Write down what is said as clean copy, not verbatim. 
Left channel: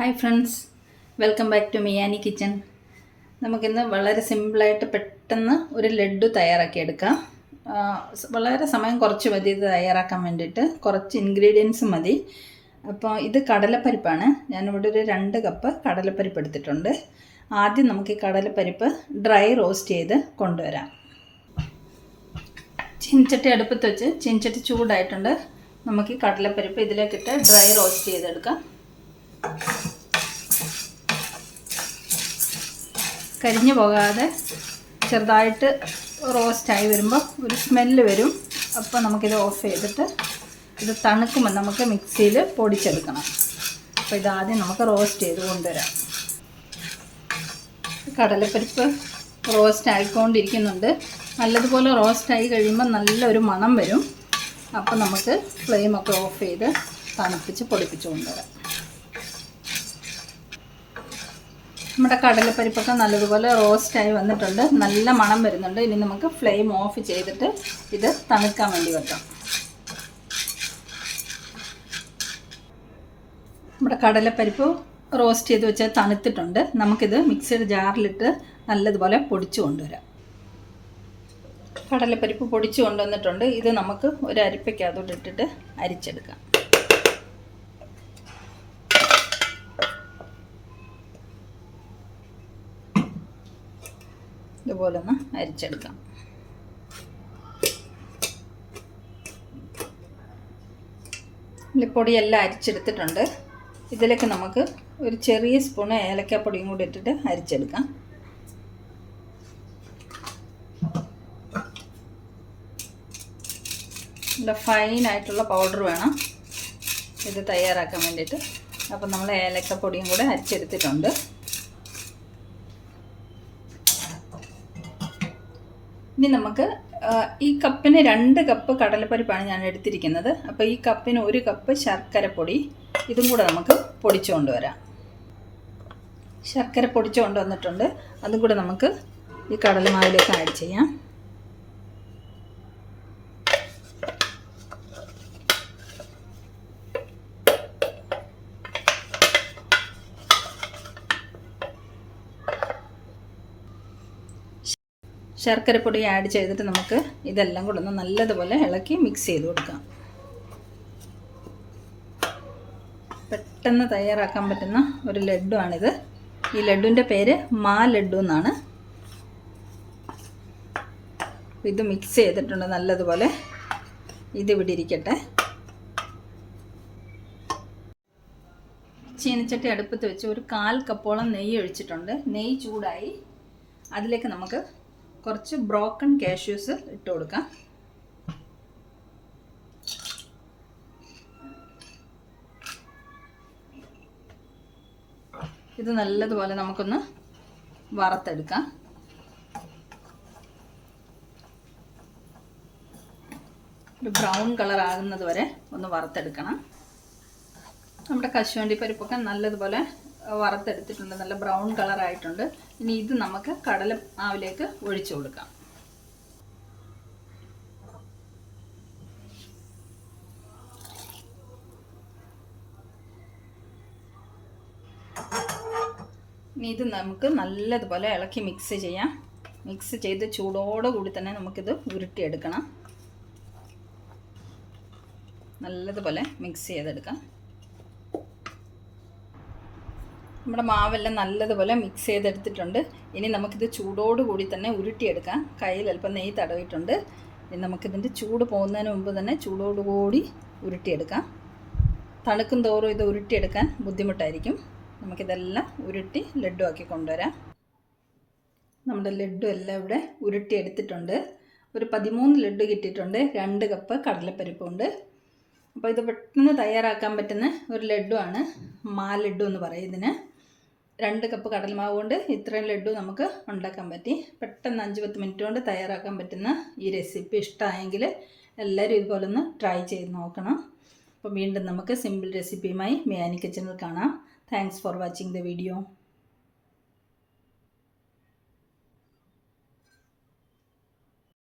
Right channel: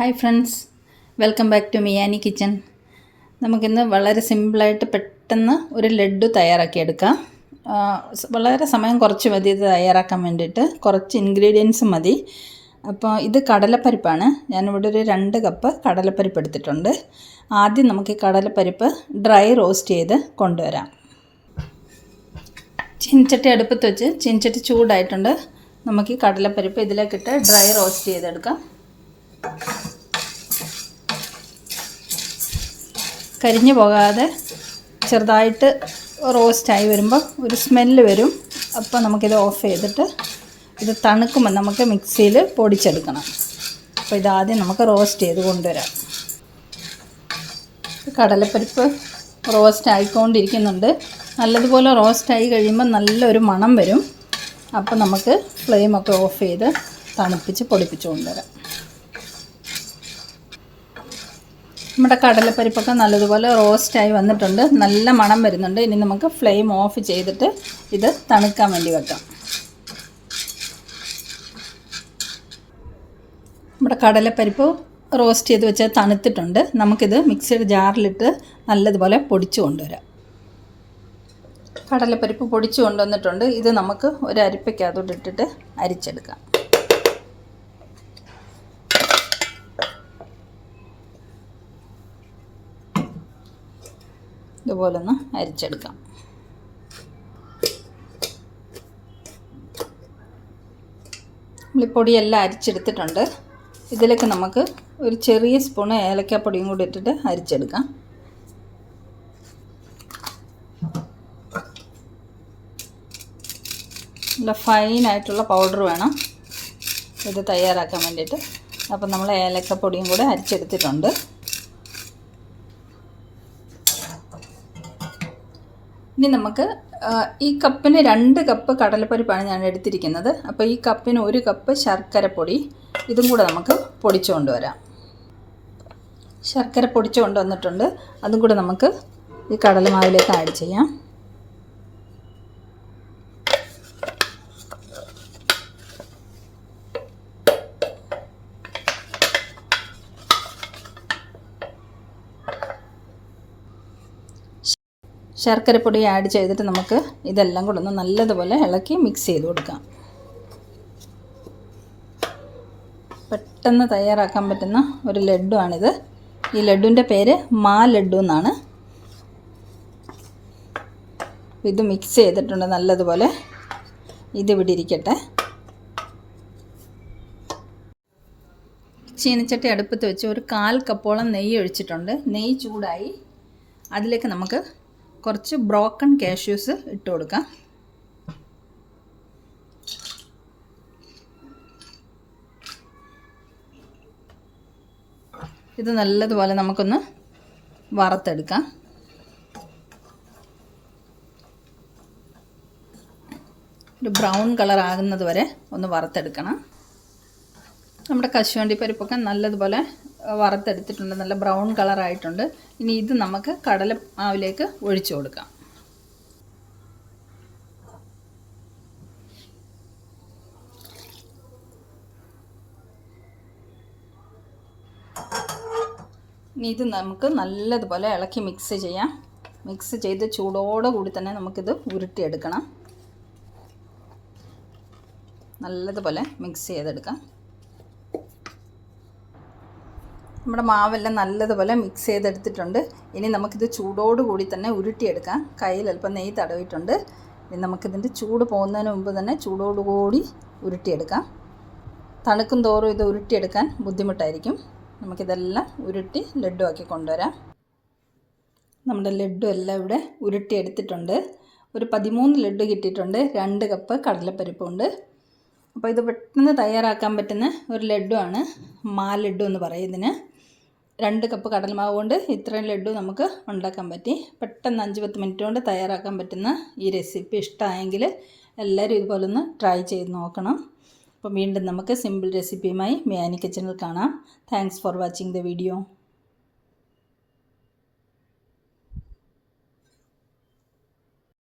Hi friends, welcome back to Miyani kitchen. നമുക്കിന്ന് വളരെ സിമ്പിളായിട്ട് പെട്ടെന്ന് ഒരു ലഡ്ഡു തയ്യാറാക്കിയെടുക്കാം. വളരെ സമയം കുറച്ച് മതി ഇത് തയ്യാറാക്കാൻ വേണ്ടിയിട്ട്. കുറച്ച് ഇൻഗ്രീഡിയൻസ് മതി. അപ്പോൾ ഇത് കടലപ്പരിപ്പാണ്. ഞാനിവിടെ ഒരു 2 കപ്പ് കടലപ്പരിപ്പ് എടുത്തിട്ടുണ്ട്. ആദ്യം നമുക്ക് ഈ കടലപ്പരിപ്പ് ഡ്രൈ റോസ്റ്റ് ചെയ്ത് കൊണ്ടുവരാം. ചീനച്ചട്ടി അടുപ്പത്ത് വെച്ച് ചീനച്ചട്ടി ചൂടായിട്ടുണ്ട്. നമുക്ക് ഈ കടലപ്പരിപ്പ് ഇതിലേക്കിട്ട് ഡ്രൈ റോസ്റ്റ് ചെയ്തെടുക്കാം. കരിഞ്ഞു പോകാതെ ചെറുതായിട്ട് റോസ്റ്റായി വരുമ്പോൾ ഒരു സ്മെല്ല് വരും. അപ്പോൾ നമുക്കിത് ഓഫ് ചെയ്തിട്ട് ഇത് തണുക്കുമ്പോൾ നമുക്ക് മിക്സിയിൽ പൊടിച്ചെടുക്കണം. അപ്പോൾ ഇതാദ്യം നമുക്ക് റോസ്റ്റ് ചെയ്ത് കൊണ്ടുവരാം. കടലപ്പരിപ്പ് റോസ്റ്റ് ആയിക്കൊണ്ടിരിക്കുന്നുണ്ട്. നല്ലതുപോലെ റോസ്റ്റായി കഴിയുമ്പോൾ നല്ലൊരു മണം വരും. അപ്പോൾ നമുക്ക് ഫ്ലെയിമൊക്കെ ഓഫ് ചെയ്ത് തണുപ്പിച്ച് പൊടിപ്പിച്ച് കൊണ്ടുവരാം. നമ്മുടെ കടലപ്പരിപ്പൊക്കെ നല്ലതുപോലെ റോസ്റ്റായി വന്നിട്ടുണ്ട്. നല്ല മണം വരുന്നുണ്ട്. ഇനി നമുക്ക് ഫ്ലെയിം ഓഫ് ചെയ്തിട്ട് ഇത് തണുക്കാൻ വേണ്ടി വെക്കാം. നമ്മുടെ കടലപ്പരിപ്പ് റോസ്റ്റ് ചെയ്ത് വെച്ചാൽ തണുത്തിട്ടുണ്ട്. നമുക്കിത് മിക്സിയുടെ ജാറിലിട്ട് നല്ലതുപോലെ പൊടിച്ചു കൊണ്ടുവരാം. കടലപ്പരിപ്പ് പൊടിച്ചു കൊണ്ടുവന്നിട്ടുണ്ട്. ഇത് നമുക്ക് ഒരു അരിപ്പയ്ക്കകത്തോട്ട് ഇട്ടിട്ട് അരിച്ചെടുക്കാം. ഇതുപോലെ ഒന്ന് അരിച്ചെടുക്കാം. പൊടിയെല്ലാം അരിച്ചെടുത്തിട്ടുണ്ട്. ഇതിലേക്ക് നമുക്ക് ഒരു ചെറിയ സ്പൂണ് ഏലക്കാപ്പൊടിയും കൂടി ഇട്ടിട്ട് അരിച്ചെടുക്കാം. നല്ല ഫൈനായിട്ടുള്ള പൗഡർ വേണം ഇത് തയ്യാറാക്കാൻ വേണ്ടിയിട്ട്. അപ്പം നമ്മൾ ഏലക്കാപ്പൊടിയും കൂടെ അരിച്ചെടുത്തിട്ടുണ്ട്. ഇനി നമുക്ക് ഈ കപ്പിന് 2 കപ്പ് കടലപ്പരിപ്പാണ് ഞാൻ എടുത്തിരിക്കുന്നത്. അപ്പോൾ ഈ കപ്പിന് 1 കപ്പ് ശർക്കരപ്പൊടി ഇതും കൂടെ നമുക്ക് പൊടിച്ചു കൊണ്ടുവരാം. ശർക്കര പൊടിച്ചു കൊണ്ടുവന്നിട്ടുണ്ട്. അതും കൂടെ നമുക്ക് ഈ കടലമാവിലേക്ക് ആഡ് ചെയ്യാം. ശർക്കരപ്പൊടി ആഡ് ചെയ്തിട്ട് നമുക്ക് ഇതെല്ലാം കൂടെ ഒന്ന് നല്ലതുപോലെ ഇളക്കി മിക്സ് ചെയ്ത് കൊടുക്കാം. പെട്ടെന്ന് തയ്യാറാക്കാൻ പറ്റുന്ന ഒരു ലഡ്ഡു ആണിത്. ഈ ലഡ്ഡുവിൻ്റെ പേര് മാ ലഡ്ഡു എന്നാണ്. ഇത് മിക്സ് ചെയ്തിട്ടുണ്ട് നല്ലതുപോലെ. ഇതിവിടെ ഇരിക്കട്ടെ. ചീനച്ചട്ടി അടുപ്പത്ത് വെച്ച് ഒരു 1/4 കപ്പോളം നെയ്യ് ഒഴിച്ചിട്ടുണ്ട്. നെയ്യ് ചൂടായി. അതിലേക്ക് നമുക്ക് കുറച്ച് ബ്രോക്കൺ കാഷ്യൂസ് ഇട്ട് കൊടുക്കാം. ഇത് നല്ലതുപോലെ നമുക്കൊന്ന് വറുത്തെടുക്കാം. ഒരു ബ്രൗൺ കളർ ആകുന്നത് വരെ ഒന്ന് വറുത്തെടുക്കണം. നമ്മുടെ കശുവണ്ടി പരിപ്പൊക്കെ നല്ലതുപോലെ വറുത്തെടുത്തിട്ടുണ്ട്. നല്ല ബ്രൗൺ കളറായിട്ടുണ്ട്. ഇനി ഇത് നമുക്ക് കടല മാവിലേക്ക് ഒഴിച്ചു കൊടുക്കാം. ഇനി ഇത് നമുക്ക് നല്ലതുപോലെ ഇളക്കി മിക്സ് ചെയ്യാം. മിക്സ് ചെയ്ത് ചൂടോടുകൂടി തന്നെ നമുക്കിത് ഉരുട്ടിയെടുക്കണം. നല്ലതുപോലെ മിക്സ് ചെയ്തെടുക്കാം. നമ്മുടെ മാവെല്ലാം നല്ലതുപോലെ മിക്സ് ചെയ്തെടുത്തിട്ടുണ്ട്. ഇനി നമുക്കിത് ചൂടോടുകൂടി തന്നെ ഉരുട്ടിയെടുക്കാം. കയ്യിൽ അല്പം നെയ്യ് തടവിയിട്ടുണ്ട്. ഇനി നമുക്കിതിൻ്റെ ചൂട് പോകുന്നതിന് മുമ്പ് തന്നെ ചൂടോടുകൂടി ഉരുട്ടിയെടുക്കാം. തണുക്കും തോറും ഇത് ഉരുട്ടിയെടുക്കാൻ ബുദ്ധിമുട്ടായിരിക്കും. നമുക്കിതെല്ലാം ഉരുട്ടി ലഡ്ഡു ആക്കി കൊണ്ടുവരാം. നമ്മുടെ ലഡ്ഡു എല്ലാം ഇവിടെ ഉരുട്ടിയെടുത്തിട്ടുണ്ട്. ഒരു 13 ലഡ്ഡു കിട്ടിയിട്ടുണ്ട്. 2 കപ്പ് കടലപ്പരിപ്പുണ്ട്. അപ്പോൾ ഇത് പെട്ടെന്ന് തയ്യാറാക്കാൻ പറ്റുന്ന ഒരു ലഡ്ഡു ആണ്. മാ ലഡ്ഡു എന്ന് പറയും ഇതിന്. 2 കപ്പ് കടലമാവ് കൊണ്ട് ഇത്രയും ലഡ്ഡു നമുക്ക് ഉണ്ടാക്കാൻ പറ്റി. പെട്ടെന്ന് 5-10 മിനിറ്റ് കൊണ്ട് തയ്യാറാക്കാൻ പറ്റുന്ന ഈ റെസിപ്പി ഇഷ്ടമായെങ്കിൽ എല്ലാവരും ഇതുപോലെ ഒന്ന് ട്രൈ ചെയ്ത് നോക്കണം. അപ്പോൾ വീണ്ടും നമുക്ക് സിമ്പിൾ റെസിപ്പിയുമായി മിയാനി കിച്ചണിൽ കാണാം. Thanks for watching the video.